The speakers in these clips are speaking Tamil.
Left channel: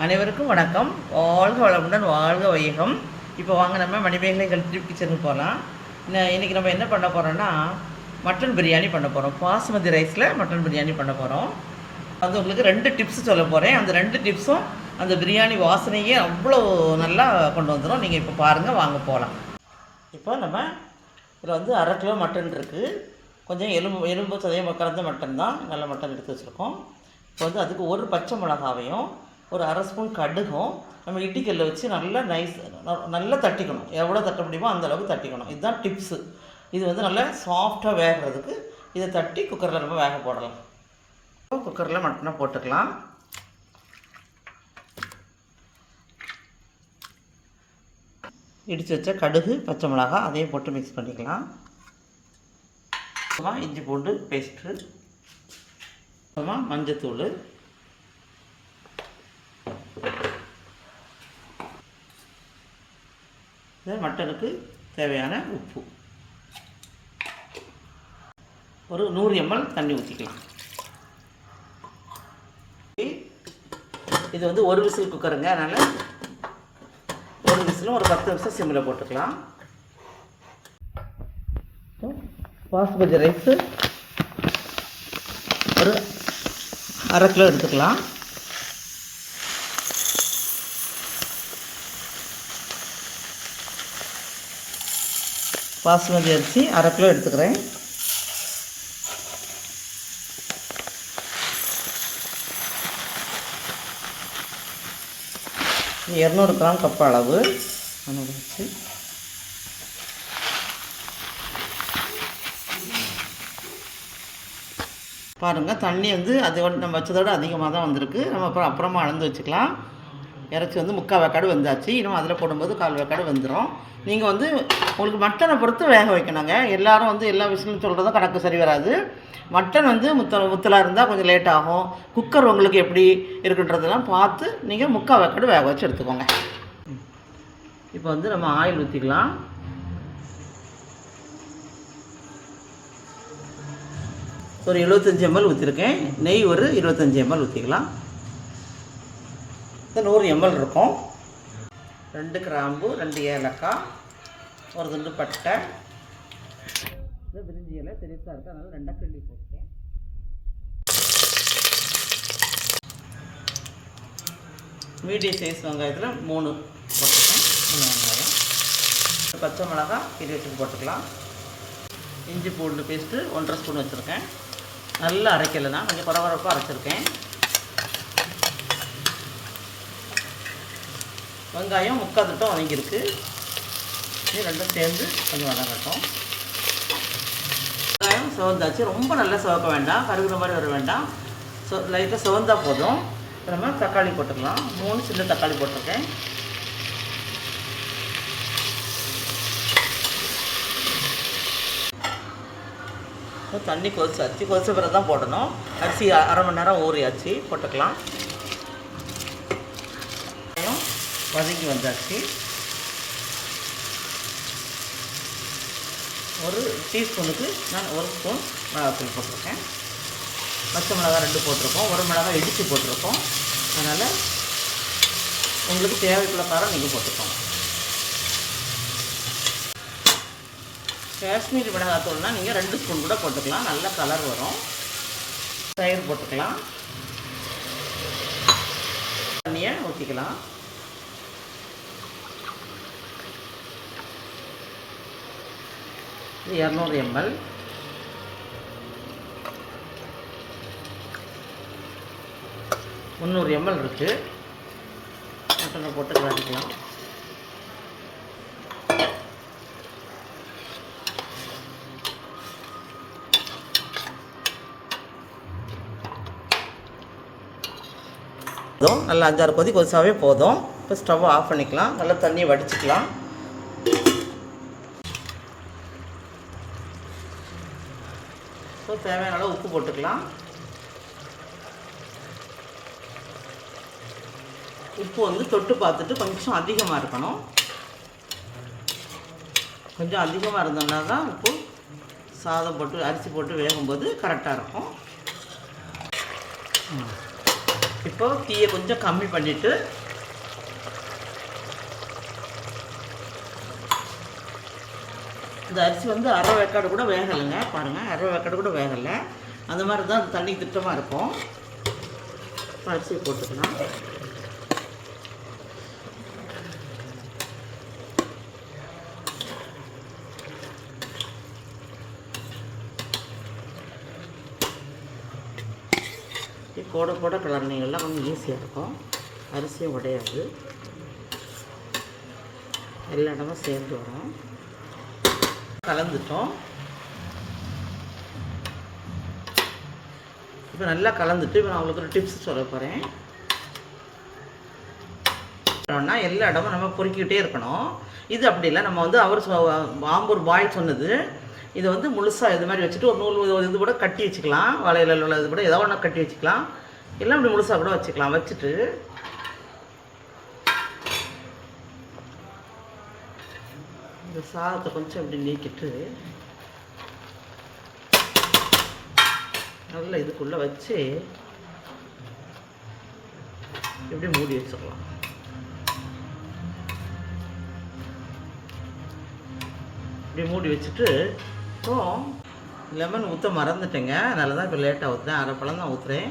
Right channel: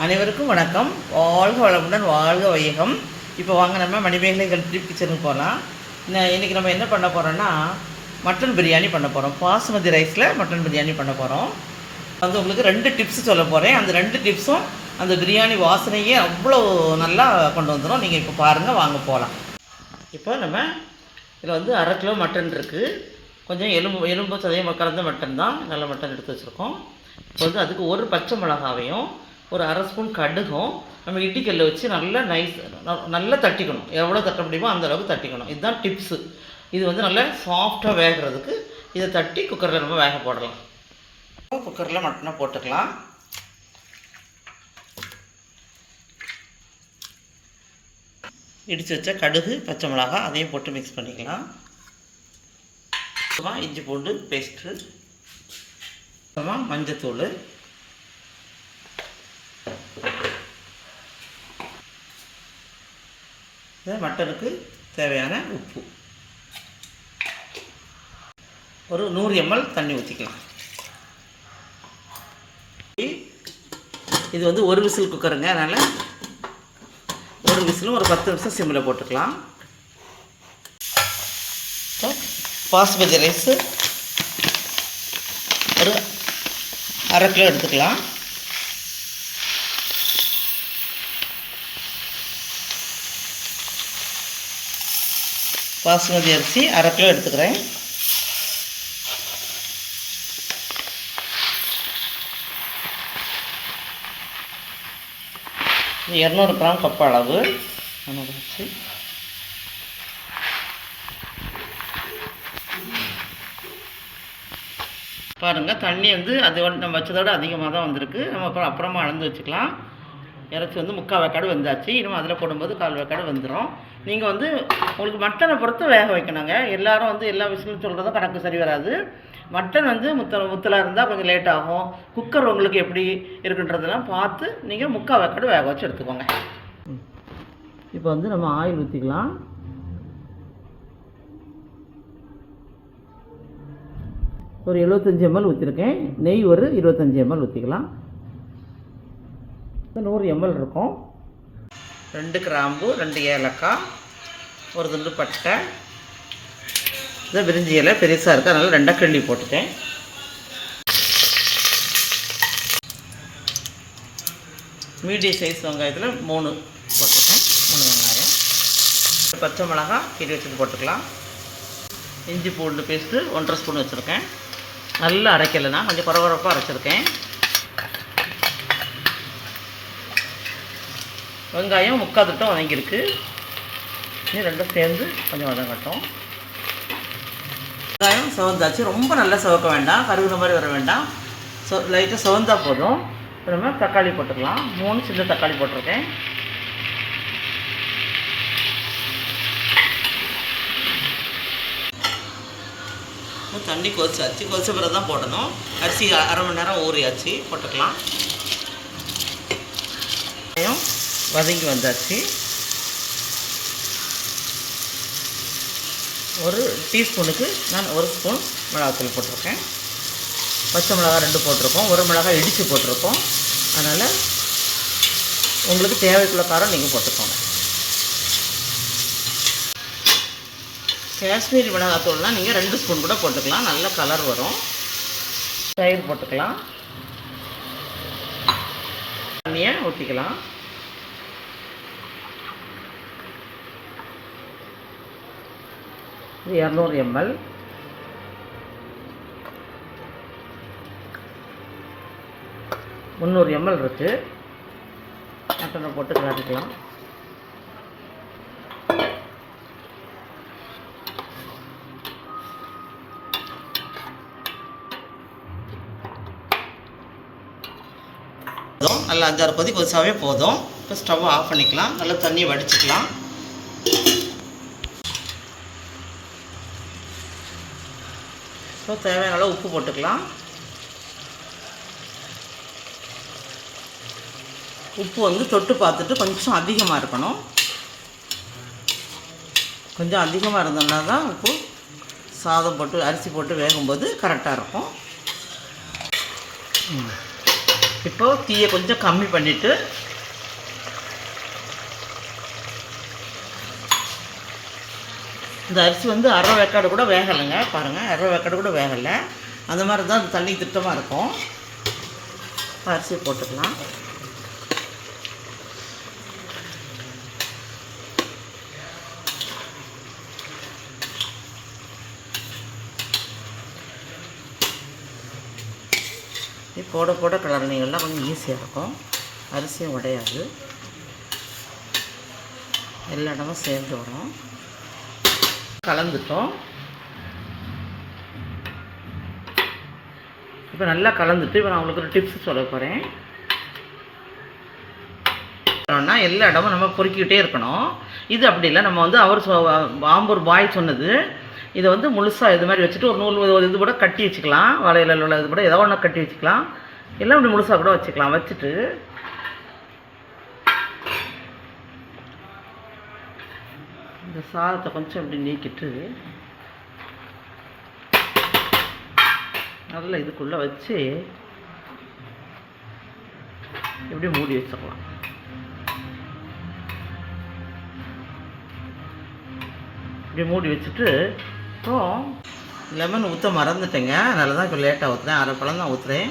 அனைவருக்கும் வணக்கம். வாழ்க வளமுடன், வாழ்க வையகம். இப்போ வாங்க நம்ம மணிமேகலை கல்வி கிச்சனுக்கு போகலாம். இன்றைக்கி நம்ம என்ன பண்ண போகிறோன்னா மட்டன் பிரியாணி பண்ண போகிறோம். பாசுமதி ரைஸில் மட்டன் பிரியாணி பண்ண போகிறோம். அது உங்களுக்கு 2 டிப்ஸ் சொல்ல போகிறேன். அந்த 2 டிப்ஸும் அந்த பிரியாணி வாசனையே அவ்வளோ நல்லா கொண்டு வந்துடும். நீங்கள் இப்போ பாருங்கள், வாங்க போகலாம். இப்போ நம்ம இதில் வந்து 1/2 கிலோ மட்டன் இருக்குது. கொஞ்சம் எலும்பு சதயம் கலந்த மட்டன் தான், நல்ல மட்டன் எடுத்து வச்சுருக்கோம். இப்போ வந்து அதுக்கு ஒரு பச்சை மிளகாவையும் ஒரு 1/2 ஸ்பூன் கடுகும் நம்ம இட்டிக்கல்ல வச்சு நல்லா தட்டிக்கணும். எவ்வளோ தட்ட முடியுமோ அந்த அளவுக்கு தட்டிக்கணும். இதுதான் டிப்ஸு. இது வந்து நல்லா சாஃப்டாக வேகிறதுக்கு இதை தட்டி குக்கரில் நம்ம வேக போடலாம். குக்கரில் மட்டனை போட்டுக்கலாம். இடித்து வச்ச கடுகு, பச்சை மிளகா அதையும் போட்டு மிக்ஸ் பண்ணிக்கலாம். அப்புறமா இஞ்சி பூண்டு பேஸ்ட்டு, அப்புறமா மஞ்சத்தூள், மட்டனுக்கு தேவையான உப்பு, ஒரு 100 ml தண்ணி ஊற்றிக்கலாம். இது வந்து ஒரு விசில் குக்கருங்க, அதனால் ஒரு விசிலும் ஒரு 10 நிமிஷம் சிம்மில் போட்டுக்கலாம். பாஸ்மதி ரைஸு ஒரு 1/2 கிலோ எடுத்துக்கலாம். பாஸ்மதி அரிசி 1/2 கிலோ எடுத்துக்கிறேன். இது 200 கிராம் கப் அளவு வச்சு பாருங்கள். தண்ணி வந்து அதோட நம்ம வச்சதோடு அதிகமாக தான் வந்திருக்கு. நம்ம அப்புறமா அளந்து வச்சுக்கலாம். இறச்சி வந்து 3/4 வேக்காடு வந்தாச்சு. இன்னும் அதில் போடும்போது 1/4 வேக்காடு வந்துடும். நீங்கள் வந்து உங்களுக்கு மட்டனை பொறுத்து வேக வைக்கணுங்க. எல்லோரும் வந்து எல்லா விஷயமும் சொல்கிறதும் கணக்கு சரி வராது. மட்டன் வந்து முத்தலாக இருந்தால் கொஞ்சம் லேட் ஆகும். குக்கர் உங்களுக்கு எப்படி இருக்குன்றதெல்லாம் பார்த்து நீங்கள் 3/4 வேக்காடு வேக வச்சு எடுத்துக்கோங்க. இப்போ வந்து நம்ம ஆயில் ஊற்றிக்கலாம். ஒரு 75 ml ஊற்றிருக்கேன். நெய் ஒரு 25 ml ஊற்றிக்கலாம். 100 ml இருக்கும். 2 கிராம்பு, 2 ஏலக்காய், ஒரு துண்டு பட்டை, இதை விரிஞ்சி இலை பெருசாக இருக்குது, அதனால் 2 கிள்ளி போட்டுட்டேன். மீடியம் சைஸ் வெங்காயத்தில் 3 போட்டுட்டேன். 3 வெங்காயம், பச்சை மிளகாய் கீரி வச்சுட்டு போட்டுக்கலாம். இஞ்சி பூண்டு பேஸ்ட்டு 1/2 ஸ்பூன் வச்சுருக்கேன். நல்லா அரைக்கலைன்னா கொஞ்சம் குறகுறப்பாக அரைச்சிருக்கேன். வெங்காயம் 3/4 திட்டம் வதங்கியிருக்கு. இது ரெண்டும் சேர்ந்து கொஞ்சம் வதங்கட்டும். வெங்காயம் சிவந்தாச்சு. ரொம்ப நல்லா சிவக்க வேண்டாம், கருகுற மாதிரி வர வேண்டாம். லைட்டாக சிவந்தா போதும். அப்புறமா தக்காளி போட்டுக்கலாம். 3 சின்ன தக்காளி போட்டிருக்கேன். தண்ணி கொதிச்சாச்சு. கொதிச்ச பிறகு தான் போடணும். அரிசி 1/2 மணி நேரம் ஊறியாச்சு. போட்டுக்கலாம். வதங்கி வந்தாச்சு. ஒரு டீஸ்பூனுக்கு நான் 1 ஸ்பூன் மிளகாத்தூள் போட்டிருக்கேன். பச்சை மிளகாய் 2 போட்டிருக்கோம். 1 மிளகாய் இடித்து போட்டிருக்கோம். அதனால் உங்களுக்கு தேவைக்குள்ள காரம் நீங்கள் போட்டுக்கோங்க. காஷ்மீரி மிளகாத்தூள்னால் நீங்கள் 2 ஸ்பூன் கூட போட்டுக்கலாம். நல்ல கலர் வரும். தயிர் போட்டுக்கலாம். தண்ணியை ஊற்றிக்கலாம். இது 200 ml. முந்நூறு ml இருக்குது. மட்டனை போட்டு கலந்துக்கலாம். நல்லா 5-6 கொதி கொதிச்சாவே போதும். இப்போ ஸ்டவ் ஆஃப் பண்ணிக்கலாம். நல்லா தண்ணியை வடிச்சிக்கலாம். இப்போ தேவையான அளவு உப்பு போட்டுக்கலாம். உப்பு வந்து தொட்டு பார்த்துட்டு கொஞ்சம் அதிகமாக இருக்கணும். கொஞ்சம் அதிகமாக இருந்தோம்னா தான் உப்பு சாதம் போட்டு அரிசி போட்டு வேகும்போது கரெக்டாக இருக்கும். இப்போது தீயை கொஞ்சம் கம்மி பண்ணிவிட்டு இந்த அரிசி வந்து அரை வேக்காடு கூட வேகலைங்க பாருங்கள், அரை வேக்காடு கூட வேகலை. அந்த மாதிரி தான் அந்த தண்ணி திட்டமாக இருக்கும். அரிசியை போட்டுக்கலாம். போட போட கலர்னிங்கெல்லாம் கொஞ்சம் ஈஸியாக இருக்கும், அரிசியும் உடையாது, எல்லா இடமும் சேர்ந்து வரும். கலந்துட்டோம். இப்போ நல்லா கலந்துட்டு இப்போ நான் உங்களுக்கு ஒரு டிப்ஸ் சொல்ல போகிறேன். எல்லா இடமும் நம்ம பொறுக்கிக்கிட்டே இருக்கணும். இது அப்படி இல்லை, நம்ம வந்து ஆம்பூர் பாய் சொன்னது, இதை வந்து முழுசாக இது மாதிரி வச்சுட்டு ஒரு நூல் இது கூட கட்டி வச்சுக்கலாம், வலையில் உள்ள இது கூட ஏதோ ஒன்று கட்டி வச்சுக்கலாம், இல்லை அப்படி முழுசாக கூட வச்சுக்கலாம். வச்சுட்டு இந்த சாதத்தை கொஞ்சம் இப்படி நீக்கிட்டு நல்லா இதுக்குள்ளே வச்சு இப்படி மூடி வச்சிடலாம். இப்படி மூடி வச்சுட்டு இப்போ லெமன் ஊற்ற மறந்துட்டேங்க, அதனால தான் இப்போ லேட்டாக ஊற்றுறேன். அரை பழம் தான் ஊற்றுறேன்.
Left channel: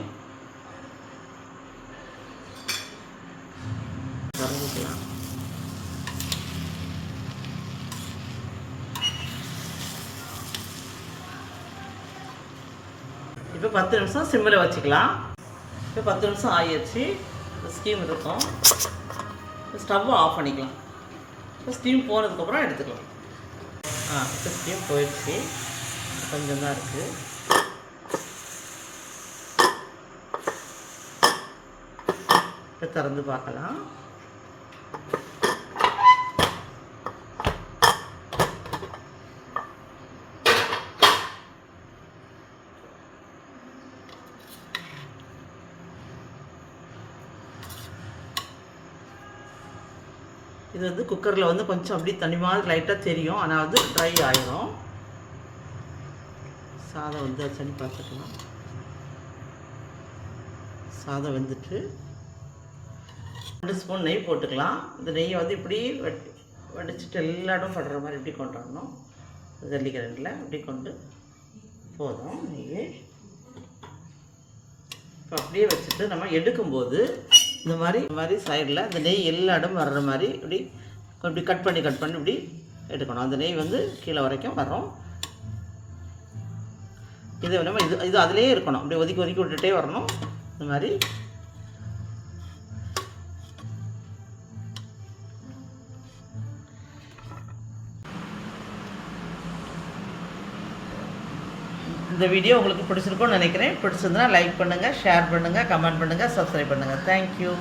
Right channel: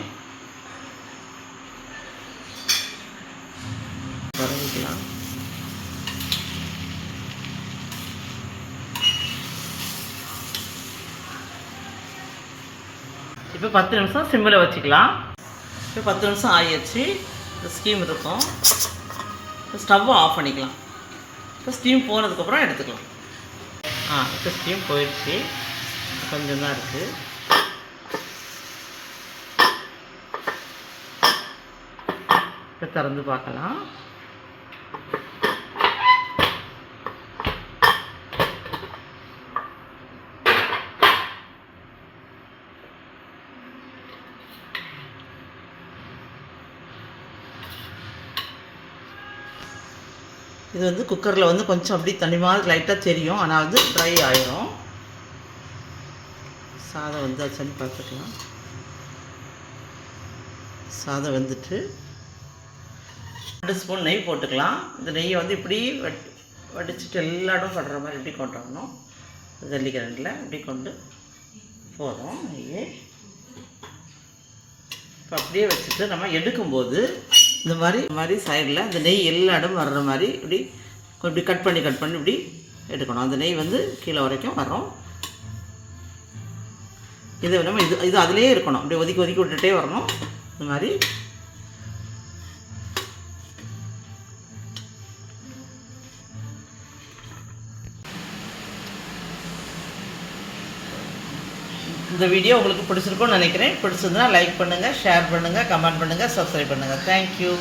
வரவிக்கலாம். இப்போ 10 நிமிஷம் சிம்மில் வச்சுக்கலாம். இப்போ 10 நிமிஷம் ஆகிடுச்சு. ஸ்டீம் இருக்கும். ஸ்டவ்வை ஆஃப் பண்ணிக்கலாம். இப்போ ஸ்டீம் போனதுக்கப்புறம் எடுத்துக்கலாம். இப்போ ஸ்டீம் போயிடுச்சு, கொஞ்சம் தான் இருக்குது. இப்போ திறந்து பார்க்கலாம். இது வந்து குக்கரில் வந்து கொஞ்சம் அப்படி தண்ணி மாதிரி லைட்டாக தெரியும், ஆனால் வந்து ட்ரை ஆகிடும். சாதம் வெந்தாச்சுன்னு பார்த்துக்கலாம். சாதம் வெந்துட்டு 2 ஸ்பூன் நெய் போட்டுக்கலாம். இந்த நெய்யை வந்து இப்படி வடிச்சிட்டு எல்லா இடம் படுற மாதிரி இப்படி கொண்டு வரணும். ஜல்லிக்கரண்டில் இப்படி கொண்டு போகிறோம் நெய்யை. இப்போ அப்படியே வச்சுட்டு நம்ம எடுக்கும்போது இந்த மாதிரி சைடில் இந்த நெய் எல்லா இடம் வர்ற மாதிரி இப்படி கட் பண்ணி இப்படி எடுக்கணும். அந்த நெய் வந்து கீழே வரைக்கும் வரும். இதை நம்ம இது அதிலே இருக்கணும். அப்படியே ஒதுக்கி விட்டுட்டே வரணும். இந்த மாதிரி இந்த வீடியோ உங்களுக்கு பிடிச்சிருக்கும்னு நினைக்கிறேன். பிடிச்சிருந்தா லைக் பண்ணுங்கள், ஷேர் பண்ணுங்கள், கமெண்ட் பண்ணுங்கள், சப்ஸ்கிரைப் பண்ணுங்கள். தேங்க்யூ.